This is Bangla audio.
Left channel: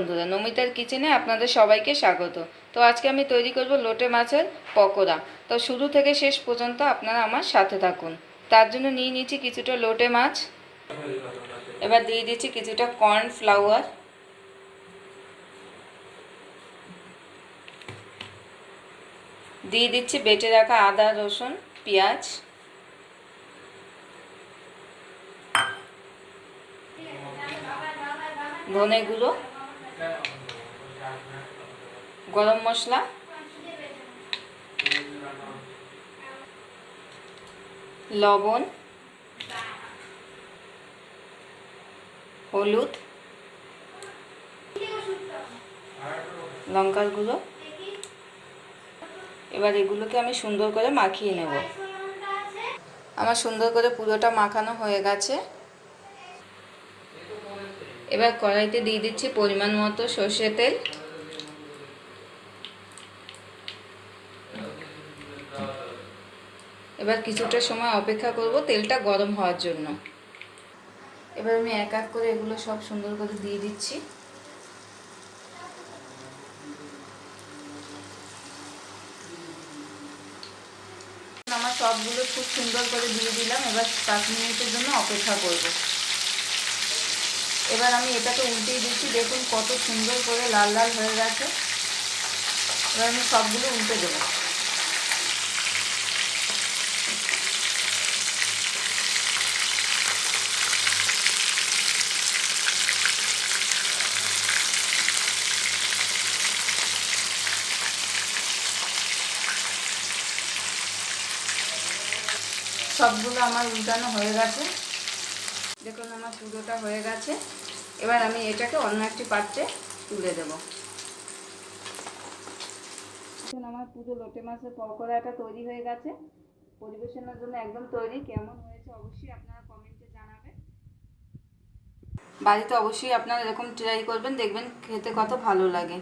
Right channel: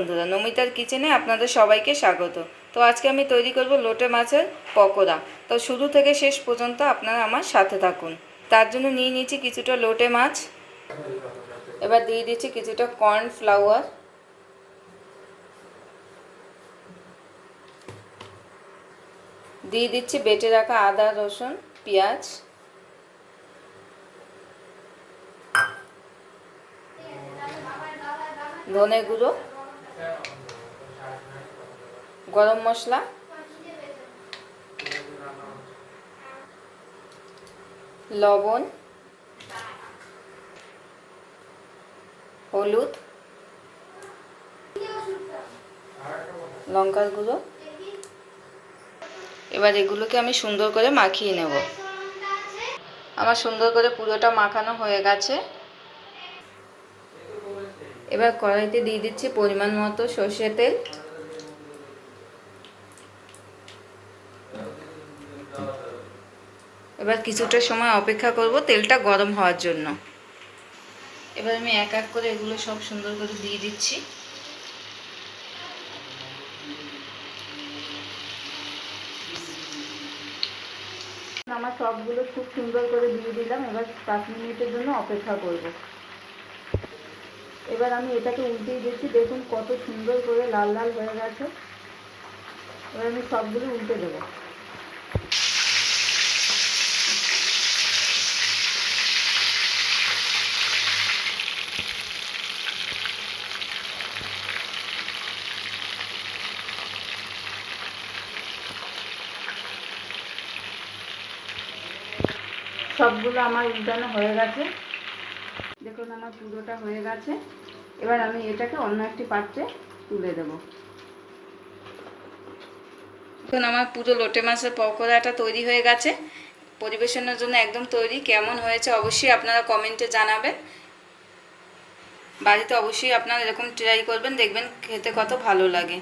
বন্ধুরা, নমিতার কিচেনে আপনাদের সবাইকে স্বাগত। তো আজকে আমি তৈরি করব লোটে মাছের পকোড়া। তো শুরু থেকে শেষ পর্যন্ত আপনারা আমার সাথে থাকুন। তার জন্য নিয়ে নিচ্ছি কিছুটা লোটে মাছ। এবার দিয়ে দিচ্ছি কিছুটা কর্নফ্লাওয়ার, দিয়ে দিচ্ছি বেটে রাখা আদা, রসুন, পেঁয়াজ, ধনে গুঁড়ো, গরম মশলা, লবণ, হলুদ, লঙ্কার গুঁড়ো। এবার এগুলোকে আমি সুন্দর করে মাখিয়ে নেব। আমার সুন্দর করে পুরোটা মাখানো হয়ে গেছে। এবার কড়াইতে দিয়ে দিচ্ছি পরিমাণ মতো সর্ষের তেল। এবার কিছুটা সময় অপেক্ষা করব তেলটা গরম হওয়ার জন্য। এবার আমি এক এক করে এগুলো সব সুন্দর করে দিয়ে দিচ্ছি। আমার সবগুলো খুব সুন্দর করে দিয়ে দিলাম। এবার 5 মিনিটের জন্য অপেক্ষা করব। এবার আমি এটাকে উল্টিয়ে দিচ্ছি। দেখুন কত সুন্দর করে লাল লাল হয়ে গেছে। এবার আমি সবগুলো উল্টে দেবো। সবগুলো আমার উল্টানো হয়ে গেছে। দেখুন আমার পুরোটা হয়ে গেছে। এবার আমি এটাকে অন্য একটি পাত্রে তুলে দেব। এখন আমার পুরো লোটে মাছের পকোড়াটা তৈরি হয়ে গেছে। পরিবেশনের জন্য একদম তৈরি। কেমন হয়েছে অবশ্যই আপনারা কমেন্টে জানাবেন। বাড়িতে অবশ্যই আপনারা এরকম ট্রাই করবেন, দেখবেন খেতে কত ভালো লাগে।